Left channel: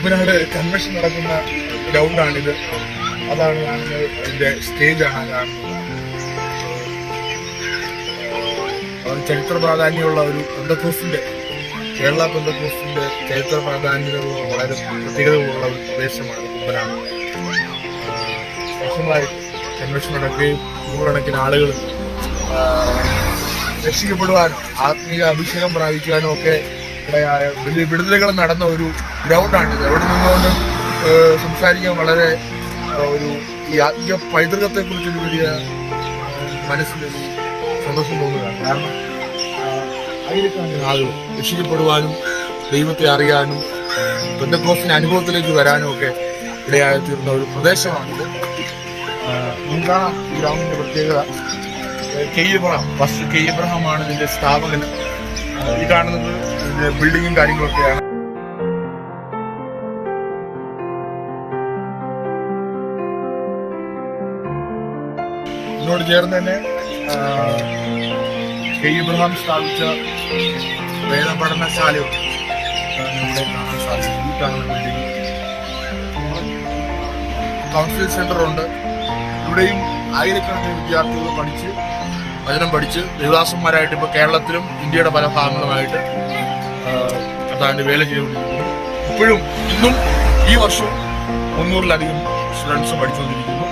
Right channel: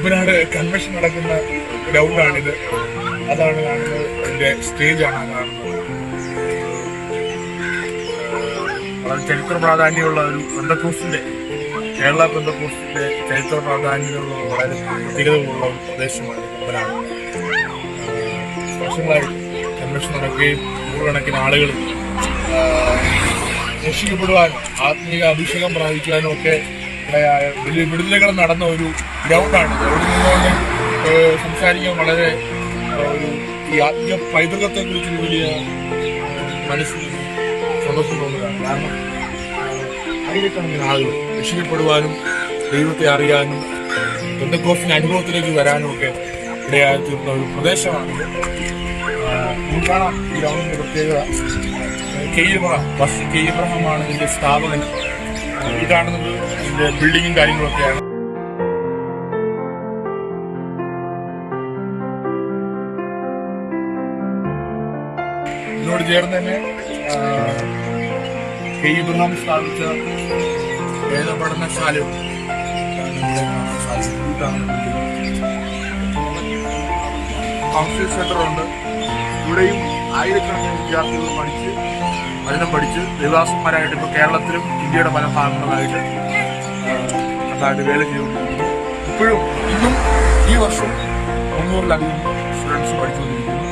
Kumbanad convention നടക്കുന്ന ഗ്രൗണ്ടാണിത്. അതാണ് കാണുന്നത്, അതിന്റെ സ്റ്റേജാണ് കാണുന്നത്. വളരെ ചരിത്ര പ്രാധാന്യമുള്ള ഒരു പെന്തക്കോസ്തിന്റെ, കേരള പെന്തക്കോസ്തിന്റെ ചരിത്ര പ്രാധാന്യമുള്ള വളരെ പ്രത്യേകതയുള്ള ഒരു പ്രദേശമാണ് കുമ്പനാട്. വർഷങ്ങളായി കൺവെൻഷൻ നടക്കുകയും നൂറുകണക്കിന് ആളുകൾ രക്ഷിക്കപ്പെടുവാനും ആത്മീയ അഭിഷേകം പ്രാപിക്കുവാനും ഒക്കെ ഇടയായ വലിയ വിടുതലുകൾ നടന്ന ഒരു ഗ്രൗണ്ടാണിത്. അവിടെ നിന്നുകൊണ്ട് സംസാരിക്കാൻ വളരെ ഒരു ഈ ആത്മീയ പൈതൃകത്തെ കുറിച്ചൊരു വലിയ മനസ്സിലൊരു സന്തോഷം തോന്നുകയാണ്. കാരണം ആയിരക്കണക്കിന് ആളുകൾ രക്ഷിക്കപ്പെടുവാനും ദൈവത്തെ അറിയാനും പെന്തക്കോസ്തിന്റെ അനുഭവത്തിലേക്ക് വരാനും ഒക്കെ ഇടയായി തീർന്ന ഒരു പ്രദേശമാണിത്. നമുക്ക് കാണാം ഈ ഗ്രൗണ്ടിന്റെ പ്രത്യേകത. ഫസ്റ്റ് കെ ഇബ്രഹാമാണ് ഇതിന്റെ സ്ഥാപകൻ. ഈ കാണുന്നത് ഇതിന്റെ ബിൽഡിങ്ങും കാര്യങ്ങളൊക്കെയാണ്. ഇതിനോട് ചേർന്ന് തന്നെ കെ ഇബ്രഹാം സ്ഥാപിച്ച വേദപഠനശാലയുണ്ട്. ഇവിടെ കാണാൻ സാധിക്കും. ഈ കാണുന്ന ബിൽഡിംഗ് കൗൺസിലിംഗ് സെന്ററുണ്ട്. ഇവിടെയും ആയിരക്കണക്കിന് വിദ്യാർത്ഥികൾ വചനം പഠിച്ച് ദേവദാസന്മാരായിട്ട് ഇപ്പോൾ കേരളത്തിലും ഇന്ത്യയുടെ പല ഭാഗങ്ങളുമായിട്ട് കർത്താവിന്റെ വേല ചെയ്തുകൊണ്ടിരിക്കുന്നു. ഇപ്പോഴും ഇന്നും ഈ വർഷം 300-ലധികം സ്റ്റുഡൻസ് പഠിച്ചുകൊണ്ടിരിക്കുന്നു.